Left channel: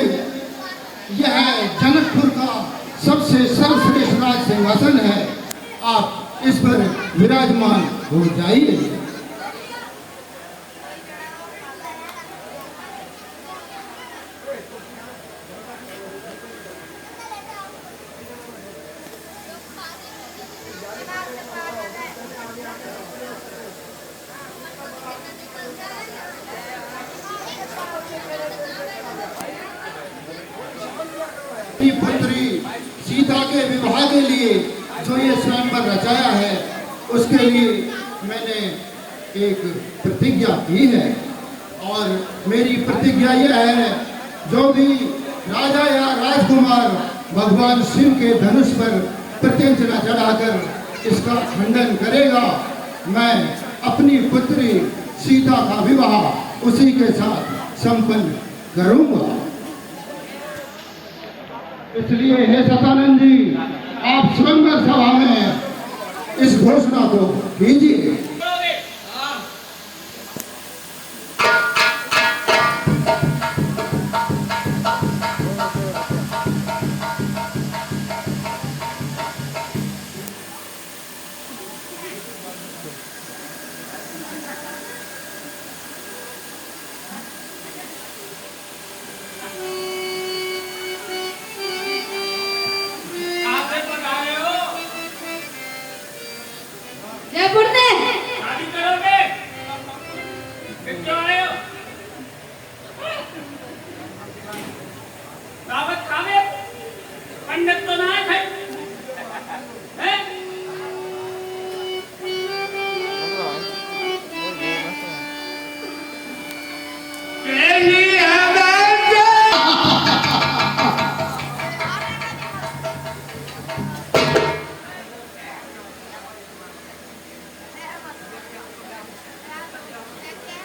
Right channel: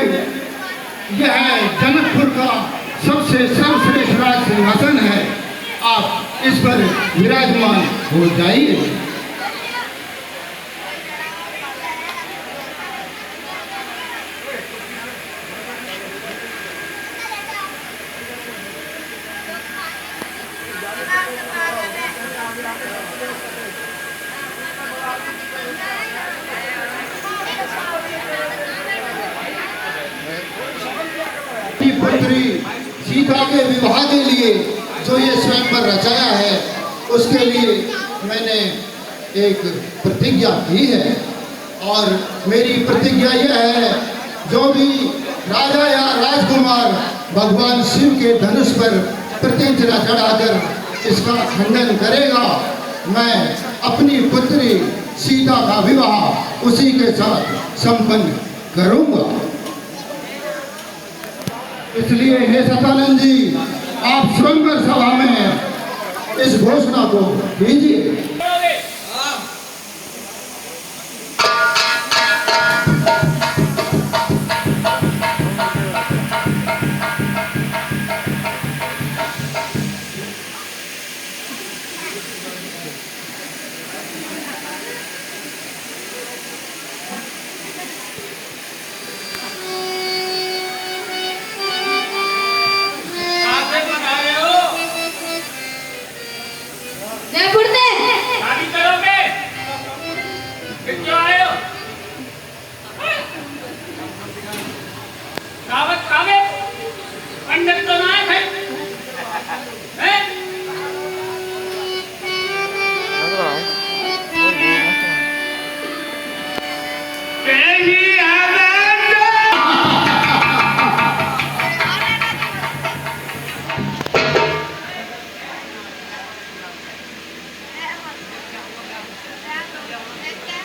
यह जनकपुर का सबसे सर्वश्रेष्ठ राज सिंहासन है। आप इस पर विराजमान हो जाइए। पुत्री सीता के विवाह के लिए जो ये स्वयंवर रचाया है, उसके लिए मैंने एक प्रतिज्ञा की है। और मेरी प्रतिज्ञा यह है, जो भी राजा या राजकुमार भगवान शिव के धनुष पर प्रत्यंचा चढ़ाकर इसका खंडन करेगा, मैं अपनी पुत्री सीता का विवाह उसी के साथ संपन्न करूंगा। इसलिए हे सतानंद जी, आप स्वयंवर सभा में इस घोषणा को कीजिए।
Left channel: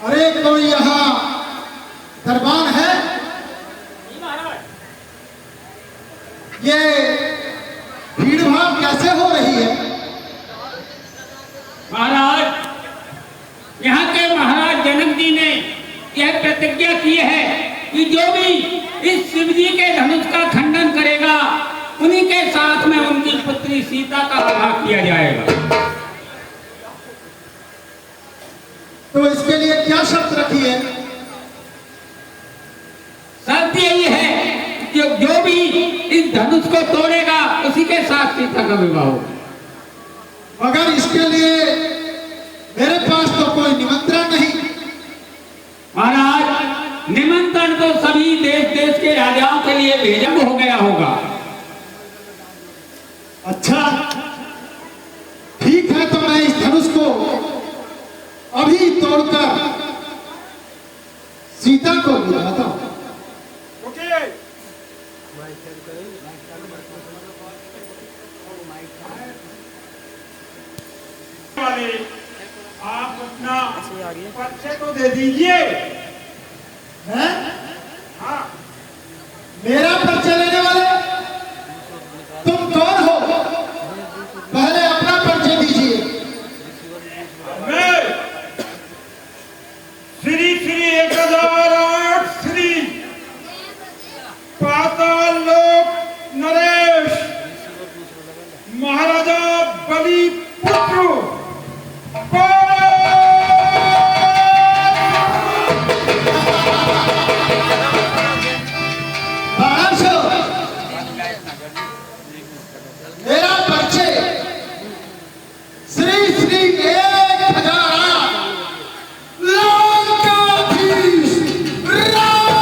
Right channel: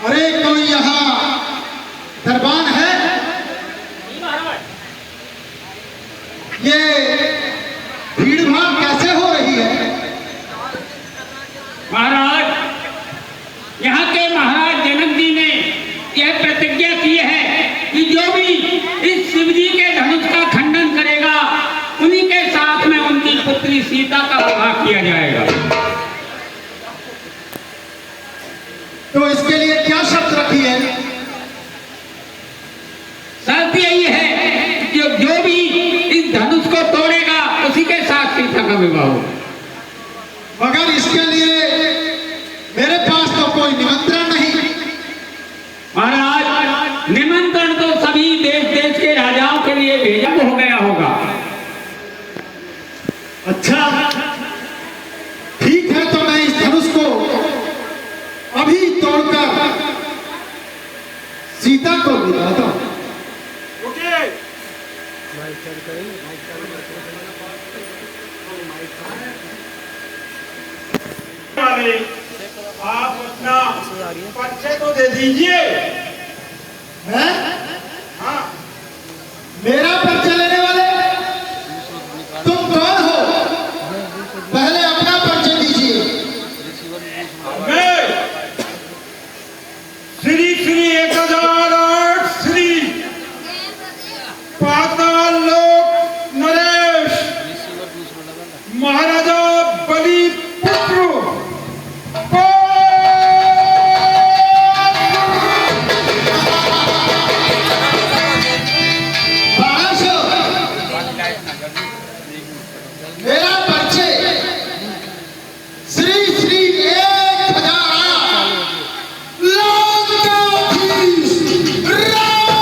अरे कोई यहाँ दरबान है? ये भीड़ भाड़ कैसे हो रही है? महाराज, यहाँ के महाराज जनक जी ने यह प्रतिज्ञा की है कि जो भी इस शिव जी के धनुष का खंडन करेगा, उन्हीं के साथ में उनकी पुत्री सीता का विवाह किया जाएगा। तो इसके लिए क्या शर्त रखी है? शर्त यही है कि जो भी इस धनुष को तोड़ेगा, उसी के साथ सीता का विवाह हो। मगर इसके लिए मेरे पास तो कोई निमंत्रण नहीं। महाराज, निमंत्रण तो सभी देश देश के राजाओं के लिए भेजा हो गया होगा। अच्छा, ठीक है, तो मैं इस धनुष को अभी तोड़कर सीता को दिलाता हूं। आप अपना परिचय तो दे दीजिए। हैं? हाँ, मेरा परिचय लेने वाले तुम कौन हो? पहले अपना परिचय दीजिए। मैं श्री श्री 1008 श्री पाताल लोक नरेश महाराजा बलि पुत्र मेरा परिचय श्री श्री 1008 लंकाधीश राम।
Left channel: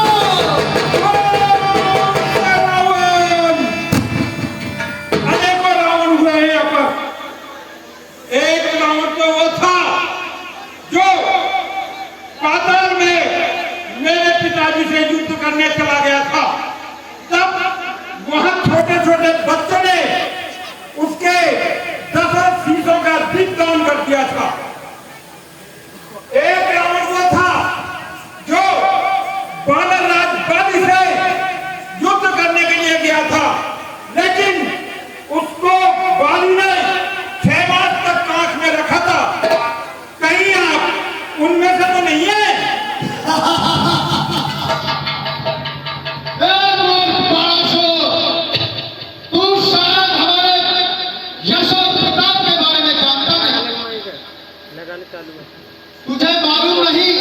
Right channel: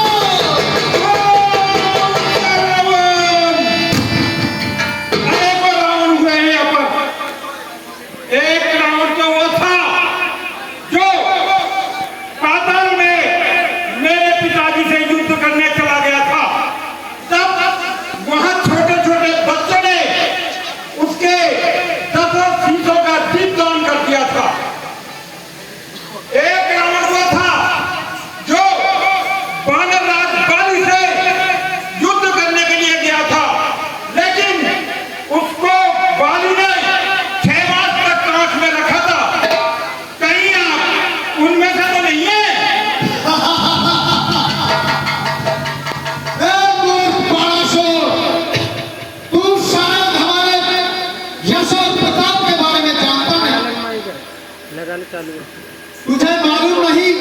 तुझे मालूम नहीं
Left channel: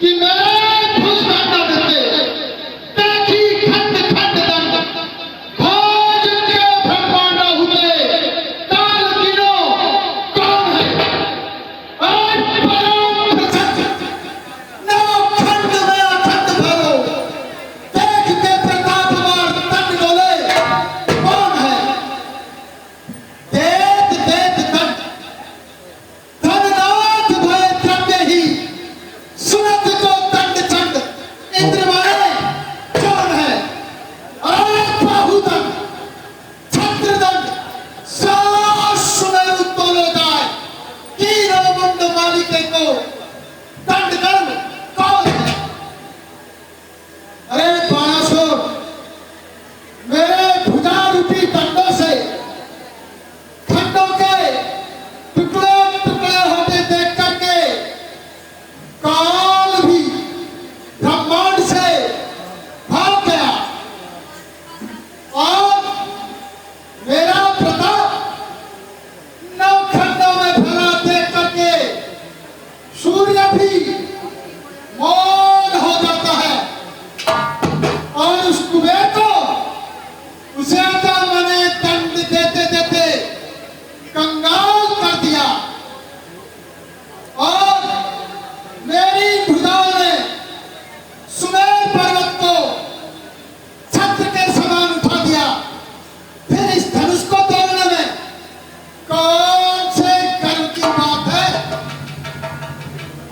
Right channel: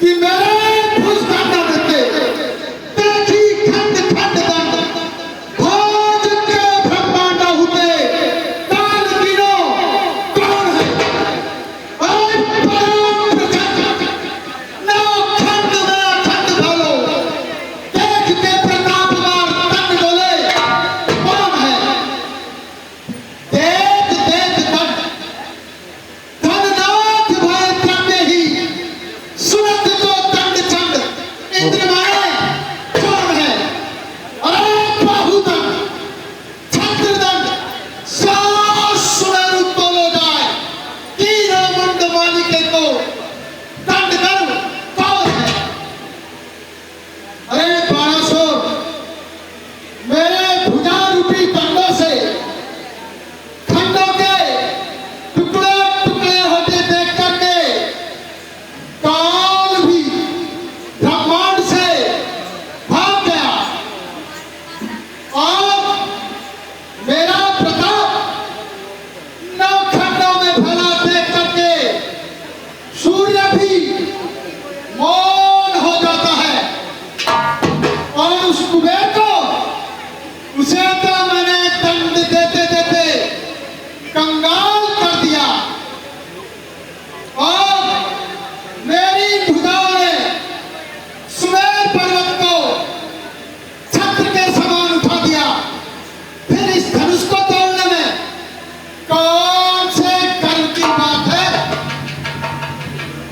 कि मेरे भुज काटा देते देखी खंड खंड दंड भोज के ब्रह्मांड होते काल गिनो कौन है और परम प्रचंड नौ खंड में अखंड भरो देखते प्रतापवान तंड बोले कौन है देख देख दंड धननाथ भय द्रव्य ही सुरत को दंड चंड इंद्र मारे कौन है अरे बाहुदंड छत्रदंड सास सुमेरु तोलो जाए तीनों मुंड मालिके को दंड कर्म कौन है अरे बाणासुर मेरे भुजा रूपी दंडों से खंडों के टुकड़े टुकड़े होते देख करके काल भी ब्रह्मांड से भाग गया और मेरा प्रताप नौ खंडों में भला देख करके सूर्य भी मौन हो जाता है और उस कुबेर को उसे तो मैंने दंड देते देते कंगाल कर दिया और मेरी भुजाओं ने सुमेर पर्वत को छत्र के समान उठा दिया फिर इस धनुष को तोड़ने में कौन से कर्म की बात है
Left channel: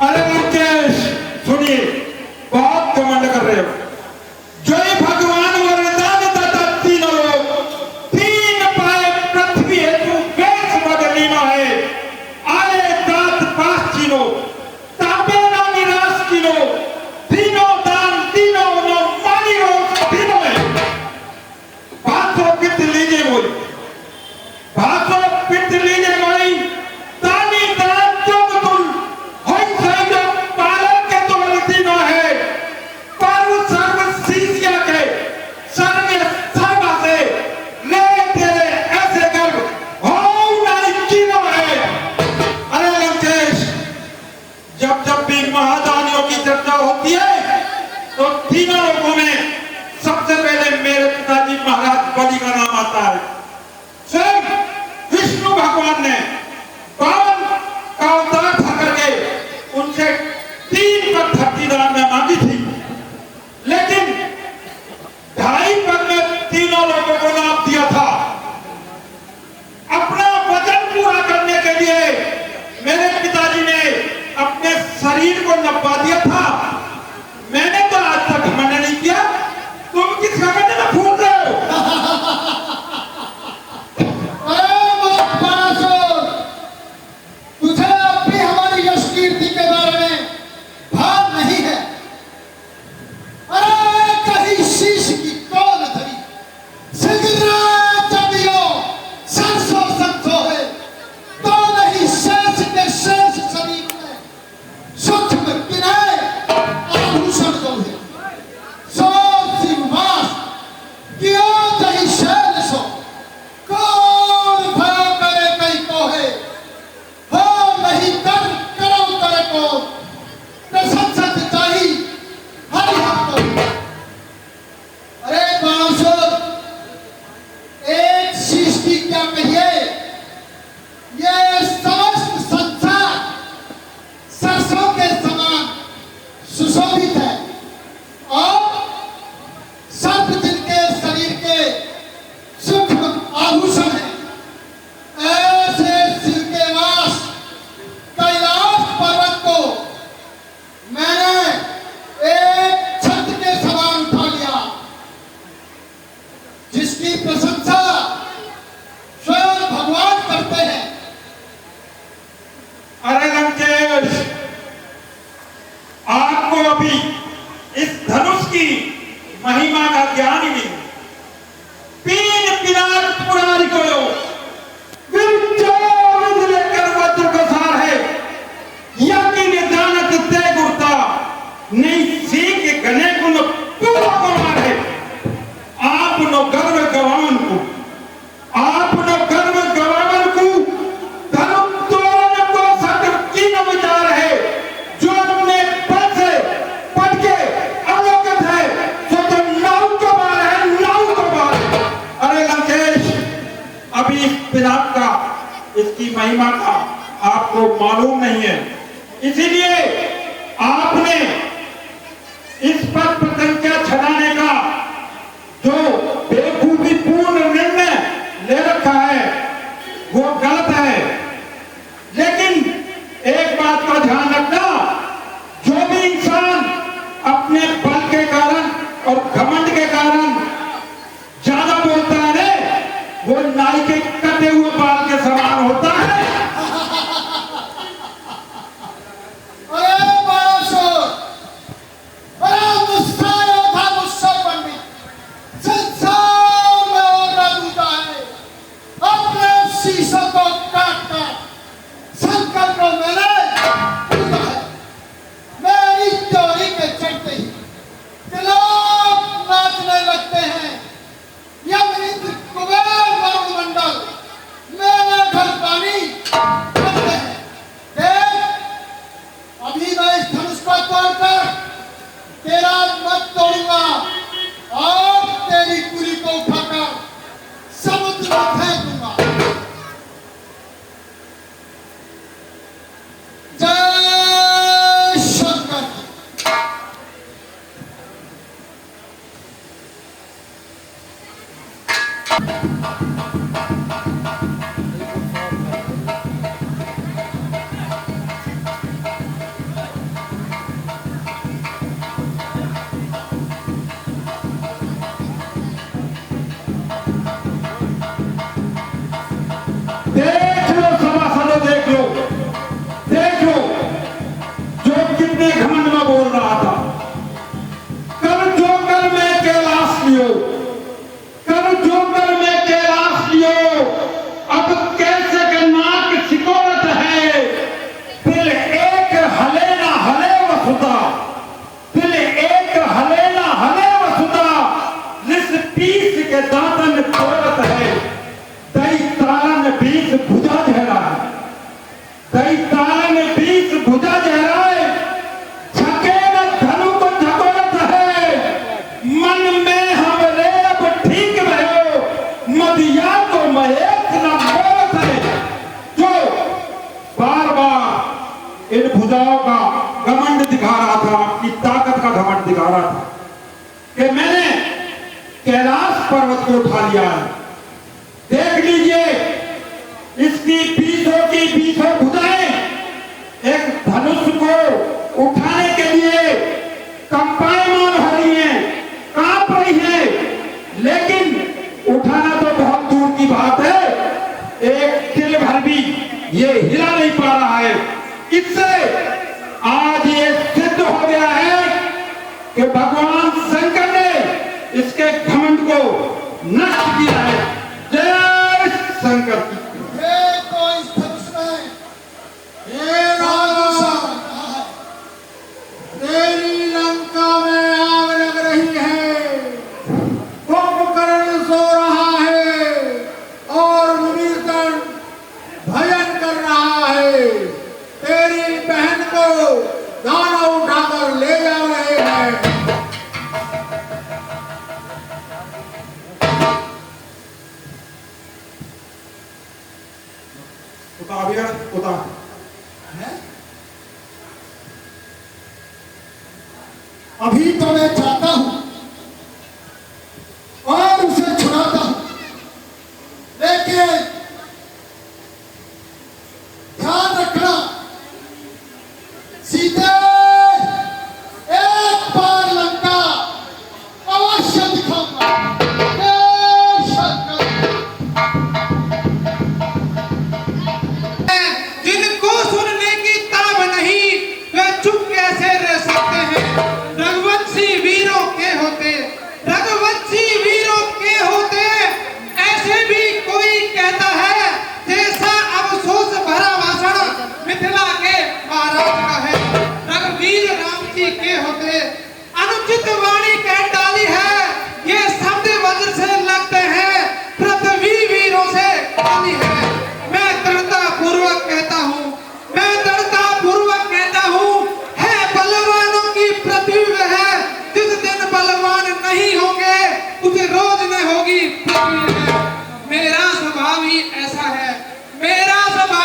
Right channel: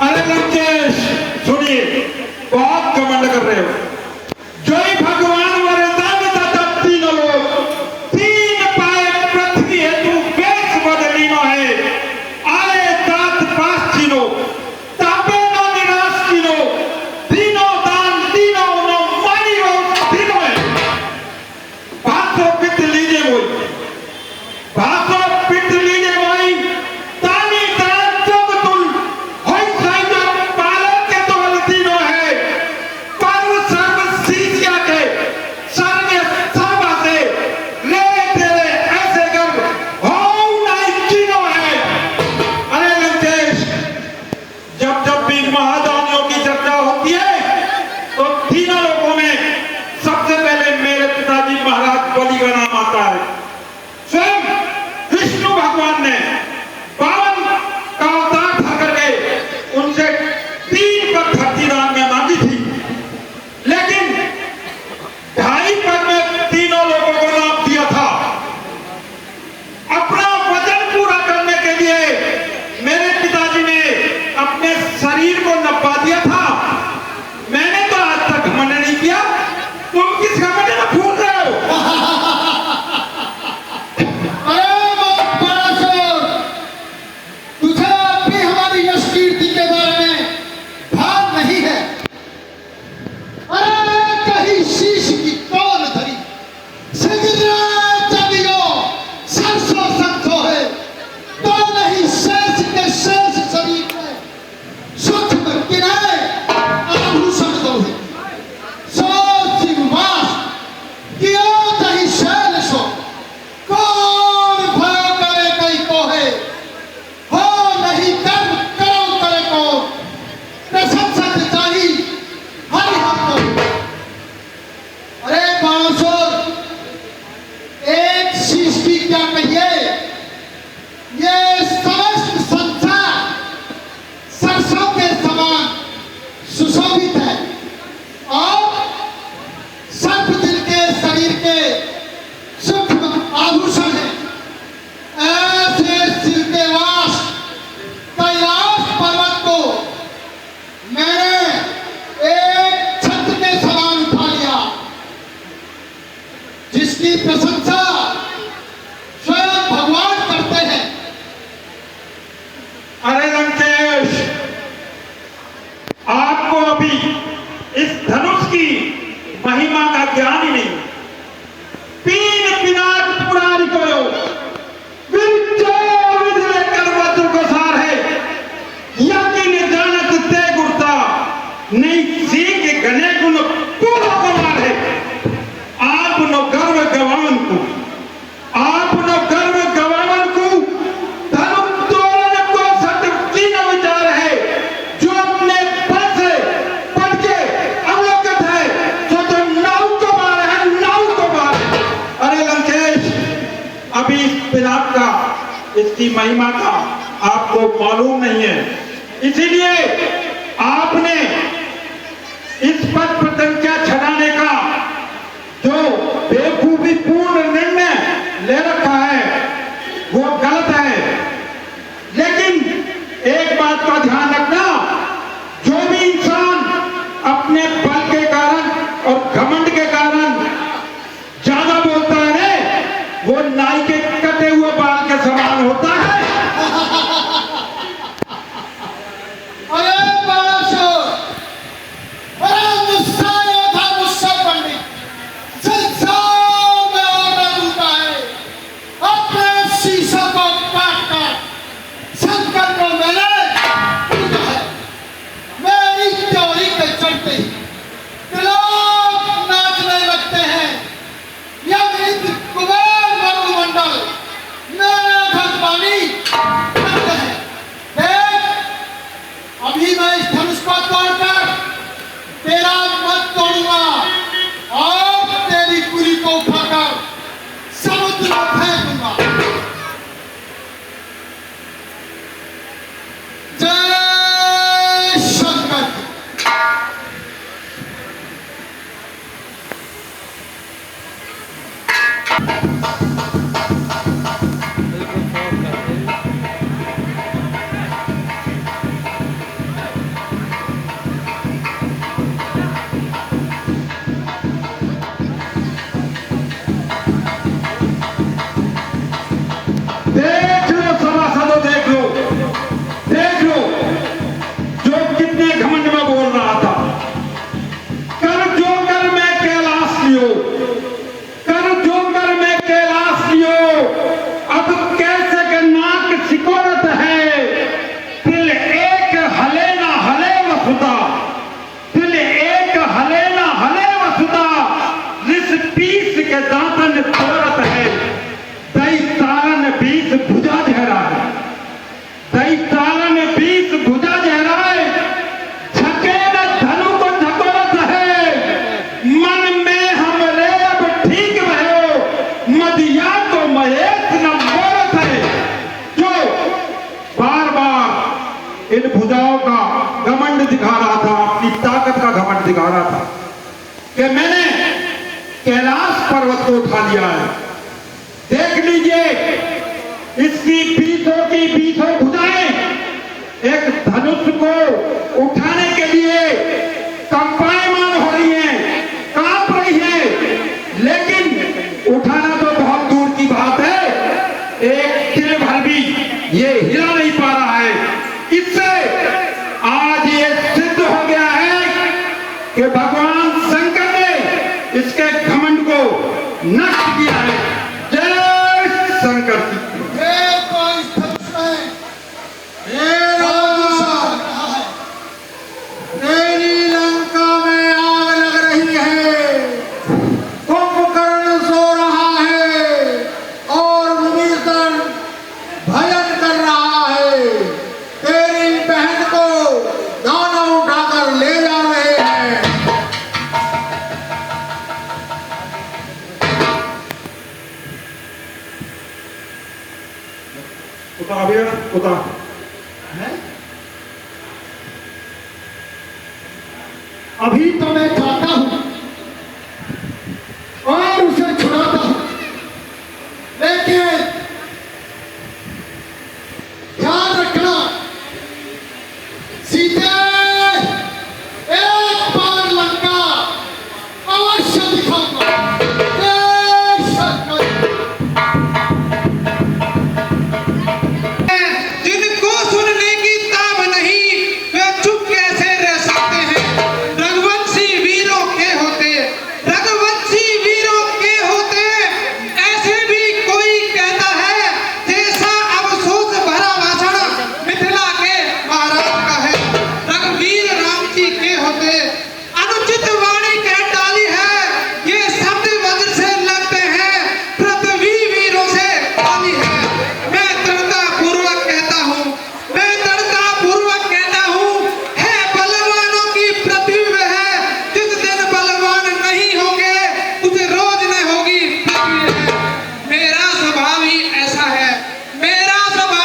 अरे लंकेश सुनिए, बहुत घमंड कर रहे हो। जय भगवान वरदान दाता तीनों लोग तीन पाए पृथ्वी हेतु वेश बदलीनो है आए दात पास तीनों तापे ना निराश तीनों तीनों दान तीनों नो मानी हो तीनों है भाषो पित लीजिए बोल भाषो पित लीजिए बोई तानी दान जोग तुल होई साइड पालो के तो तीनों है पर सर्व सीधिया के सर्व सर्वा से ले तेरे ऐसे कर हो नहीं तीनों है अरे लंकेश जब जब भी महादानियों की चर्चा होती है तो तीनों लोगों में सबसे पहले मेरे पिताजी महाराज बलि का नाम आता है स्वयं विष्णु भगवान ने बावन का अवतार था करके उनसे 3 पग धरती दान में मांगी थी लेकिन 2.5 पग में तीनों लोगों को लाभ दिया था अपना वचन पूरा करने के लिए मेरे पिताजी ने अपने शरीर को नपा दिया था मैंने तो आज तक घमंड नहीं किया तुम किस घमंड में फूल रहे हो अरे बाणासुर तुझे अब भी हमारी यश कीर्ति के बारे में भान नहीं है अरे कहीं शीश की कौन धरी सिगरा चलियो सरसों सरसों है तो नहीं शेष के शेष शरीर में सूक्ष्म किनारे आभूषण को है सो सिंहास क्यों नहीं शैल सो कौन भय करे कई को है हो नहीं कर्म करो करे को प्रशंसक चाहिए हरि हमको अरे बाणासुर एक शीश की क्या कहिए ये समस्त संसार सरसों के समान सुशोभित है और सर्प दिल के शरीर के सूक्ष्म आभूषण है ऐसे शिव के वास कैलाश पर्वत को मैंने एक छत्र के समान उठा लिया जिसकी प्रशंसा स्वयं भगवान करते हैं अरे लंकेश आपको अभी इस धनुष की महिमा का ज्ञान ही नहीं पीन पिनाक पुरारी करो विजय विधि लेकर वज्र का सार है यकीन जानत ते गुरता नहीं सीख गने गुण पूरा कमार है आप नो गर्व गवान को आप नो गर्व गवान को धर्म तोड़ने को सत्य की न उसकी महिमा का आपको मालूम नहीं है। इसीलिए आपने इस पद प्रतिज्ञा छड़ाने का जो बेवकूफीपूर्ण निर्णय ले रखा है वो गलत है। लेकिन एक बात का ध्यान रखना, जो भी इंसान अपने बल के कारण और घमंड के कारण ज्यादा बोलता है वो नाई के कटे हुए बाल के समान होता है। अरे बड़ा शोर, बड़ा गुस्सा था मुझसे पंडित, संसार में और दूंगा है। अपने शीशों को काट काट शंकर को मैंने पीटा है। मेरी चोरी के चलते ही लोग नाचने लगते हैं। यह कुबेर मंडल मेरे घर पानी करते हैं। देख, अभी मैं इस धनुष को तोड़कर तेरा मत तोड़ूंगा और तेरी कुली को उठाकर समुद्र में फेंक दूंगा। जय शंकर की। देख लो सभासदों, देख लो, देख लो, जो कितने घमंड में बोल रहा था। कर जो कर मैं कैलाश लियो, कर जो कर मैं कैलाश लियो, अब कैसे के नाक सिकोड़त है। दिल एक हले ना हले वसुदा, दिल एक हले ना हले वसुदा, लिस पीस के दांतन तोड़त है। दई तारन बीस भुजा जहरा है, दई तारन बीस भुजा जहरा है, झके न धनु को झकोरत है। मन में हमरे अब ठीक भयो, मदिया तो महेश न बोलत है। जो बार बार इन भुजाओं का घमंड दिखा रहा था, अपनी ताकत का घमंड दिखा रहा था कि मैंने कैलाश पर्वत को उठा लिया है। देख लीजिए, इसकी बीसों भुजाएं एक धनुष को उठाने के लिए कंपायमान हो रही हैं, कांप रही हैं। लेकिन उठाना तो बहुत दूर की बात है, एक तिल भर भी ये हिला नहीं पा रहा है। इससे आज ये सिद्ध हो गया है कि भगवान शंकर ने इसके घमंड को नष्ट किया है। जय शंकर की। देखो इस धनुष में तेरी लंका में आग लग रही है, कुंभकर्ण सो रहा है और विभीषण भजन कर रहा है। तेरी बहन को दानव उठाकर ले जा रहे हैं। उतार भैया, उतार। अभी तो मैं जाता हूं और उसे छुड़ाता हूं, लेकिन ध्यान रखना सीते, एक बार लंका अवश्य दिखाऊंगा। जय शंकर। जिनको सुनने की ताब नहीं वे चुप कैसे रह सकते हैं। रघुवंशी वीरों के होते, रघुवंशी वीरों के होते, ऐसे भी कोई कहता है जैसा अफसोस भरा भाषण मिथिला के महाराज का है। रघुवीर राम जी के होते, अनुचित वाणी कह डाली है, ये शब्द वज्र से लगते हैं, पृथ्वी वीरों से खाली है। मैं दृढ़ता पूर्वक कहता हूँ, मैं दृढ़ता पूर्वक कहता हूँ, है बलवानों की पृथ्वी है। जिस दिन बलवान नहीं होंगे उस रोज न होगी पृथ्वी है। मेरा स्वभाव ही ऐसा है, मेरा स्वभाव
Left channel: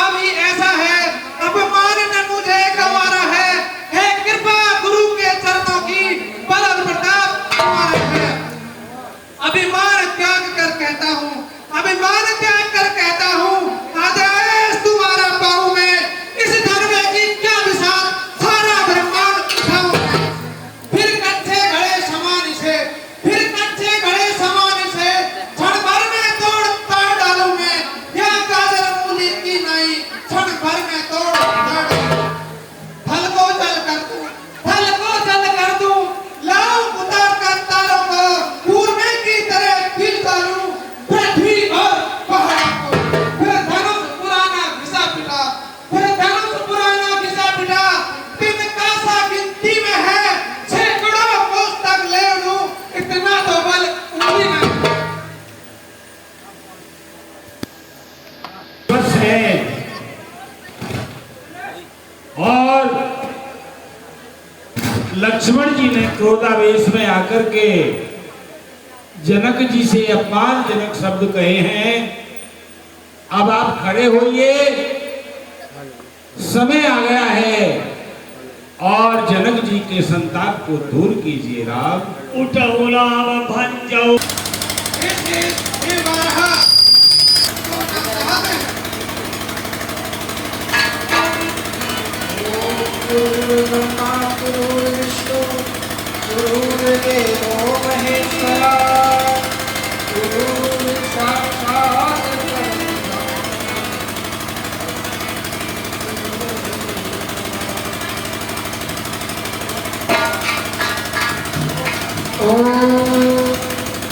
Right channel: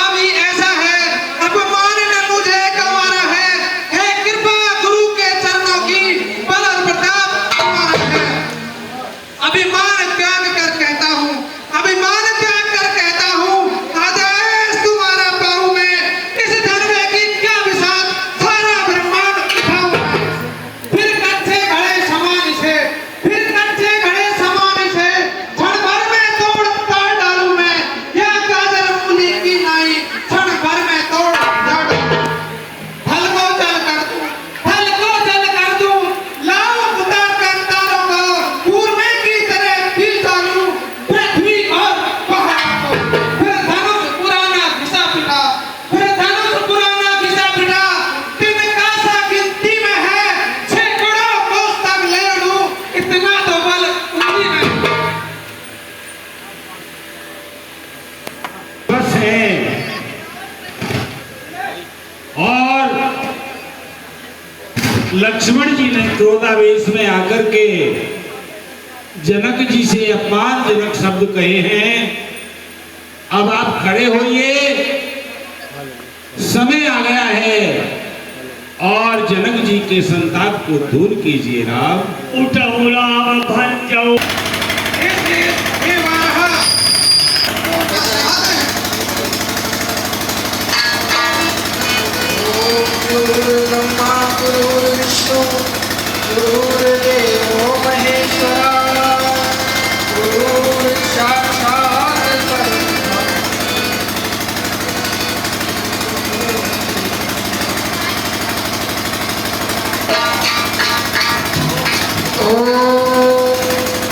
अभिमान त्याग कर कहता हूँ, अभिमान त्याग कर कहता हूँ, आ जाए तुम्हारा पाँव में, इस धर्म की क्या विशाल सारा ब्रह्मांड उठाऊं मैं। फिर कच्चे घड़े समान से, फिर कच्चे घड़े समान से क्षण भर में तोड़ ताड़ डालूं मैं, या गाजर मूली की नाई क्षण भर में तोड़ ताड़ डालूं। फल को जल कर दूं, फल को जल कर दूं, लाऊं खुदा के तारों को पूर्वे की तरह खींच डालूं पृथ्वी और पहाड़ों को। फिर धनुष पुराना घिसा पिटा, फिर धनुष पुराना घिसा पिटा, दिन का सा गिनती में है, सैकड़ों कोस तक ले लूं, इतना तो बल उंगली में है। बस है। और लक्ष्मण जी ने क्रोधावेश में आकर के जनक जी से अपमानजनक शब्द कहे हैं। अब आप खड़े होइए, समय आ गया है और जनक जी के संताप को दूर कीजिए। राम उठो राम भंजो हे वारहा, गुरुर्ब्रह्मा गुरुर्विष्णु गुरुर्देवो महेश्वरा गुरुर्साक्षात् परब्रह्म। ओम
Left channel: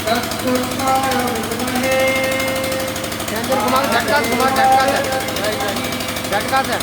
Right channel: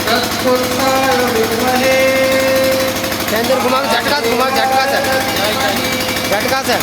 तत्पुरुषाय विद्महे घुमा झटका से झटका से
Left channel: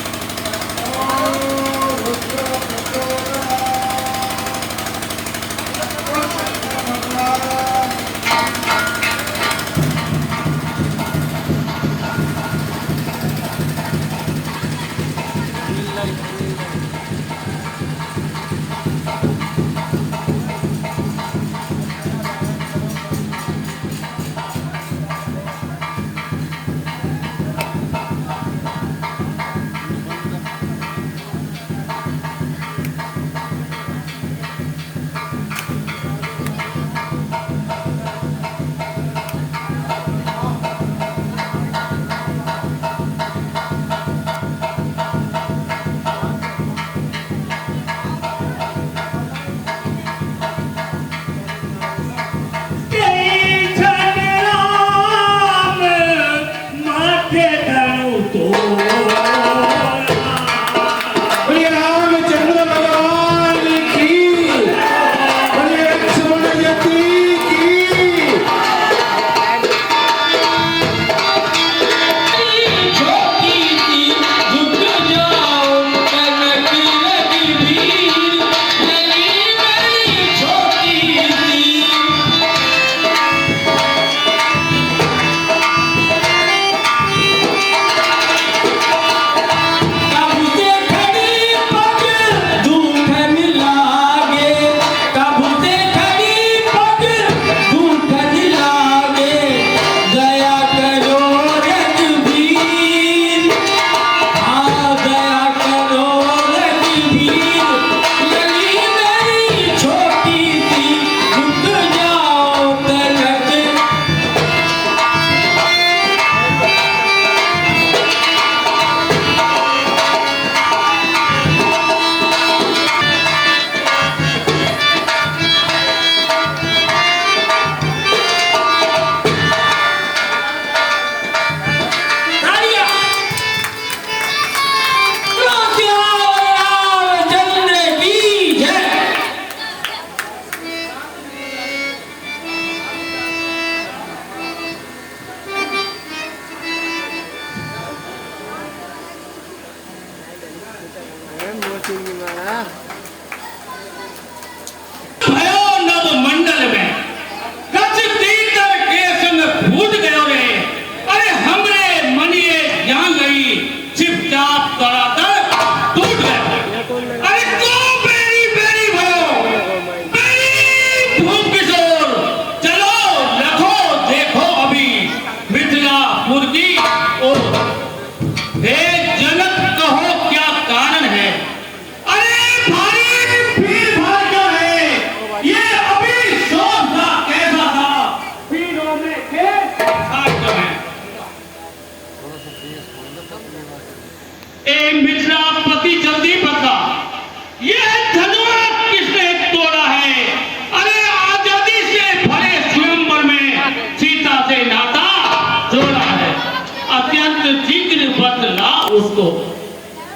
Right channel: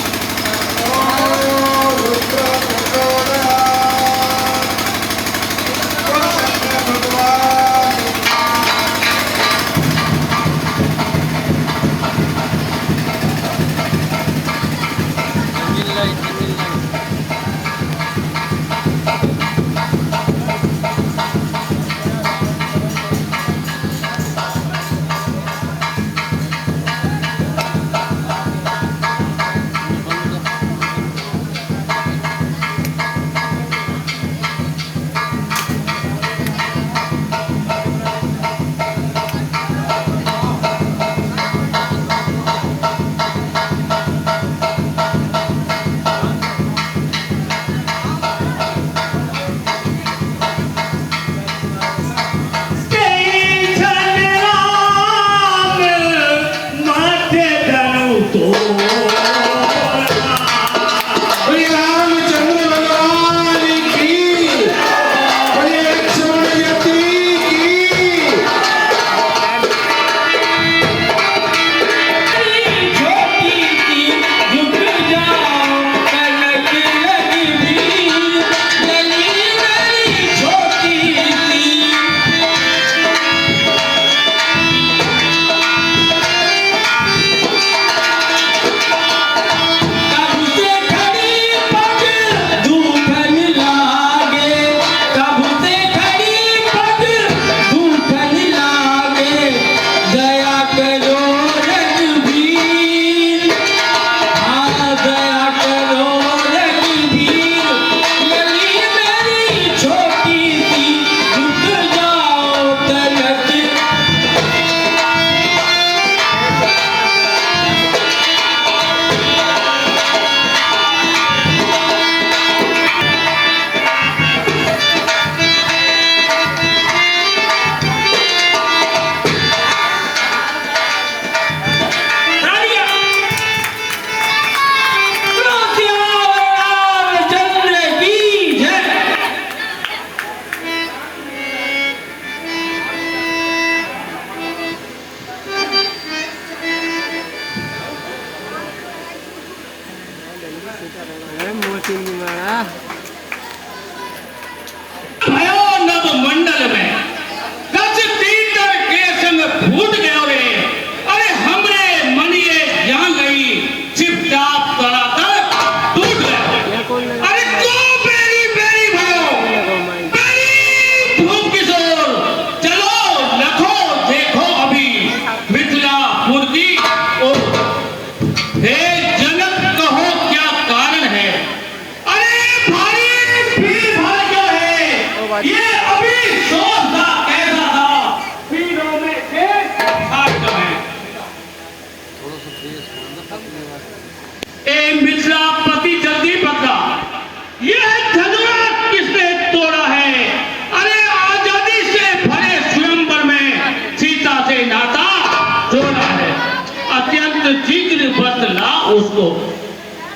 उसको,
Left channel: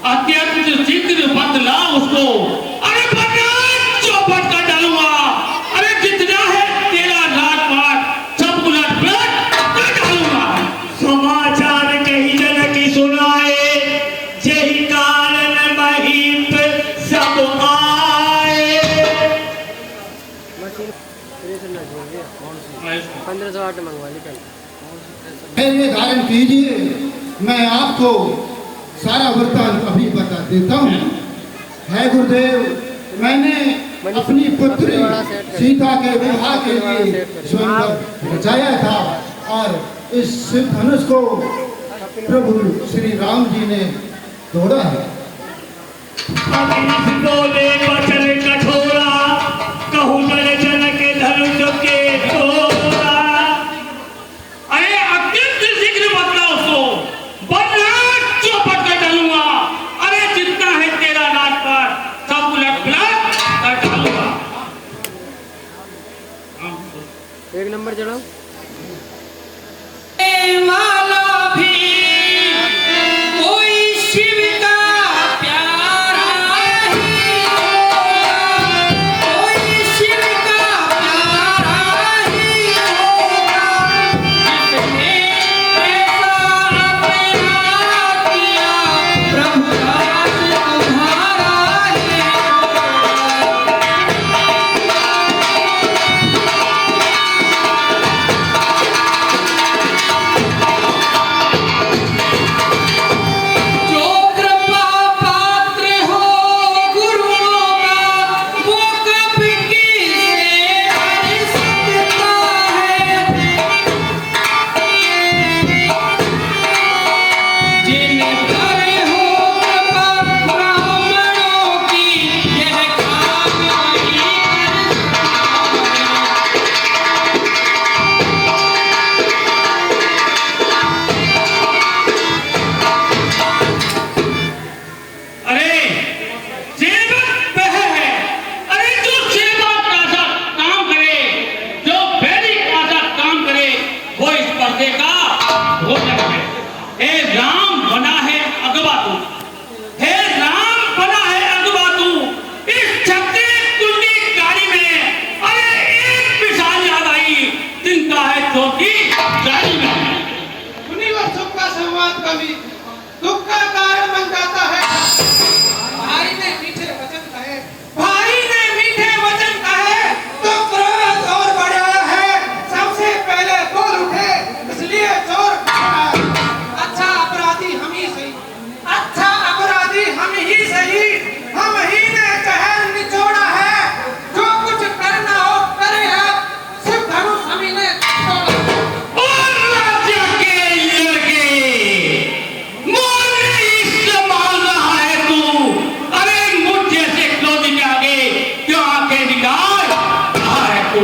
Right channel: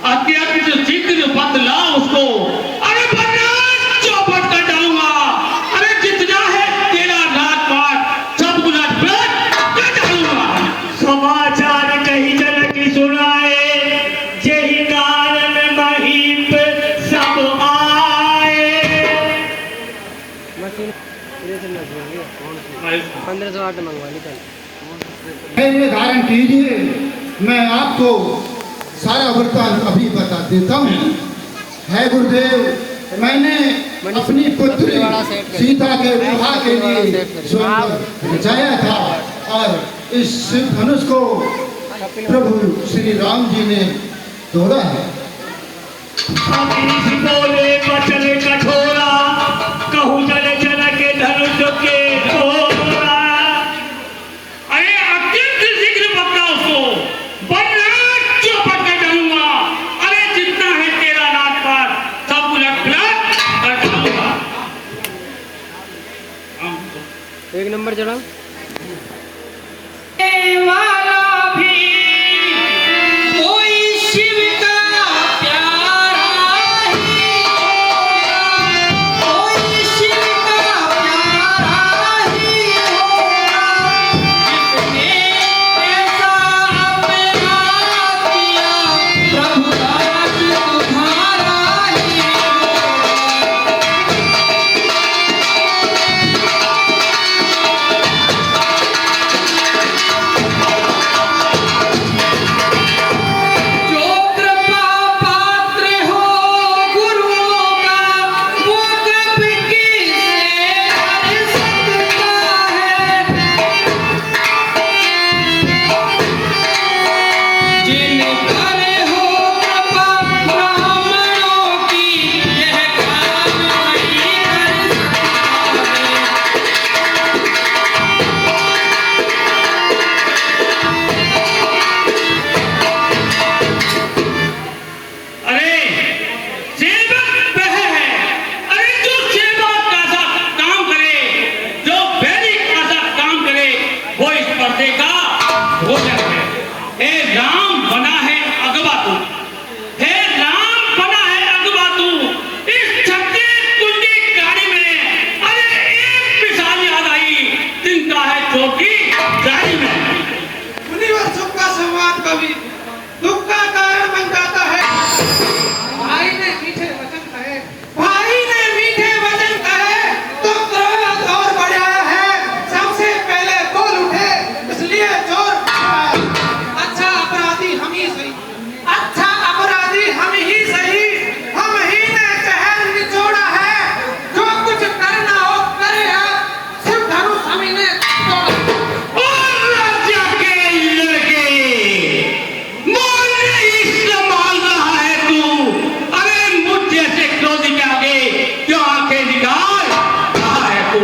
अत्यंत शीघ्र बदला उसको। अरे बदला चौपट कर डालूंगा। अरे जितना है तेरा रात पात सब उलट पलट कर डालूंगा। समाचार कही जन की सुनाए, यही कारण महीप सब आए। 1508 मंगवा ली कल। ये धारण कीजिए, मैं आपको सारा वृत्तांत अभी बता देता हूँ। है गुरुदेव, मैंने अपनी पुत्री सीता के विवाह के लिए स्वयंवर रचाया था और इस शिव धनुष को प्रभु श्री राम जी ने तोड़ा है। अमीश बोले वचन कठोरा, कहूँ जन जन के धनुष के तोड़ा। अरे अत्यंत शीघ्र बदला उसको, बदला चौपट कर डालूंगा। अरे जितना है तेरा रात पात सब उलट पलट कर डालूंगा। एक नंबर चढ़ाओ। वाला भी कोई शिव का प्यारा ही होगा, कोई शिव का प्यारा ही होगा, जिसने ऐसा अपना किया प्रभु राम तुम्हारा ही होगा। जो कृपा पात्र हो गुरुओं का, वो कभी किसे हर सकता है। जिन पर हो कृपा ब्राह्मणों की, यह काम वही कर सकता है। अरे सेवक वह है, अरे जो सेवक का सा काम करे, जो वैदिक का सा काम करे, वो इस पर्दे का भोजन है। हे राम बना है अगवा तू, हे राम बना है अगवा तू। इस छत्तीस कुल की गाड़ी में अरे एक मिसाल याद आई, चिंता है छोटी गाड़ी में। यूनिवर्सों का संवाद कभी दुख का कारण बन जाता है। भाई ने मीठे वचन कहे, भाई ने मीठे वचन कहे तो क्रोध और बढ़ा है। सबसे पहले बोल उठे, इसलिए जोर बढ़ाया। अच्छा अपराधी हम ही सही, अच्छा अपराधी हम ही सही, हम ही ने कहर निचोड़ा है। जो कुछ करना हो करे आप, शिव धनुष हम ही ने तोड़ा। और राज्य के लड़के मोरने इस्तेमाल रहा है तू। अरे मुझ जैसे क्रोधी के आगे क्यों आंखें निकाल रहा है तू।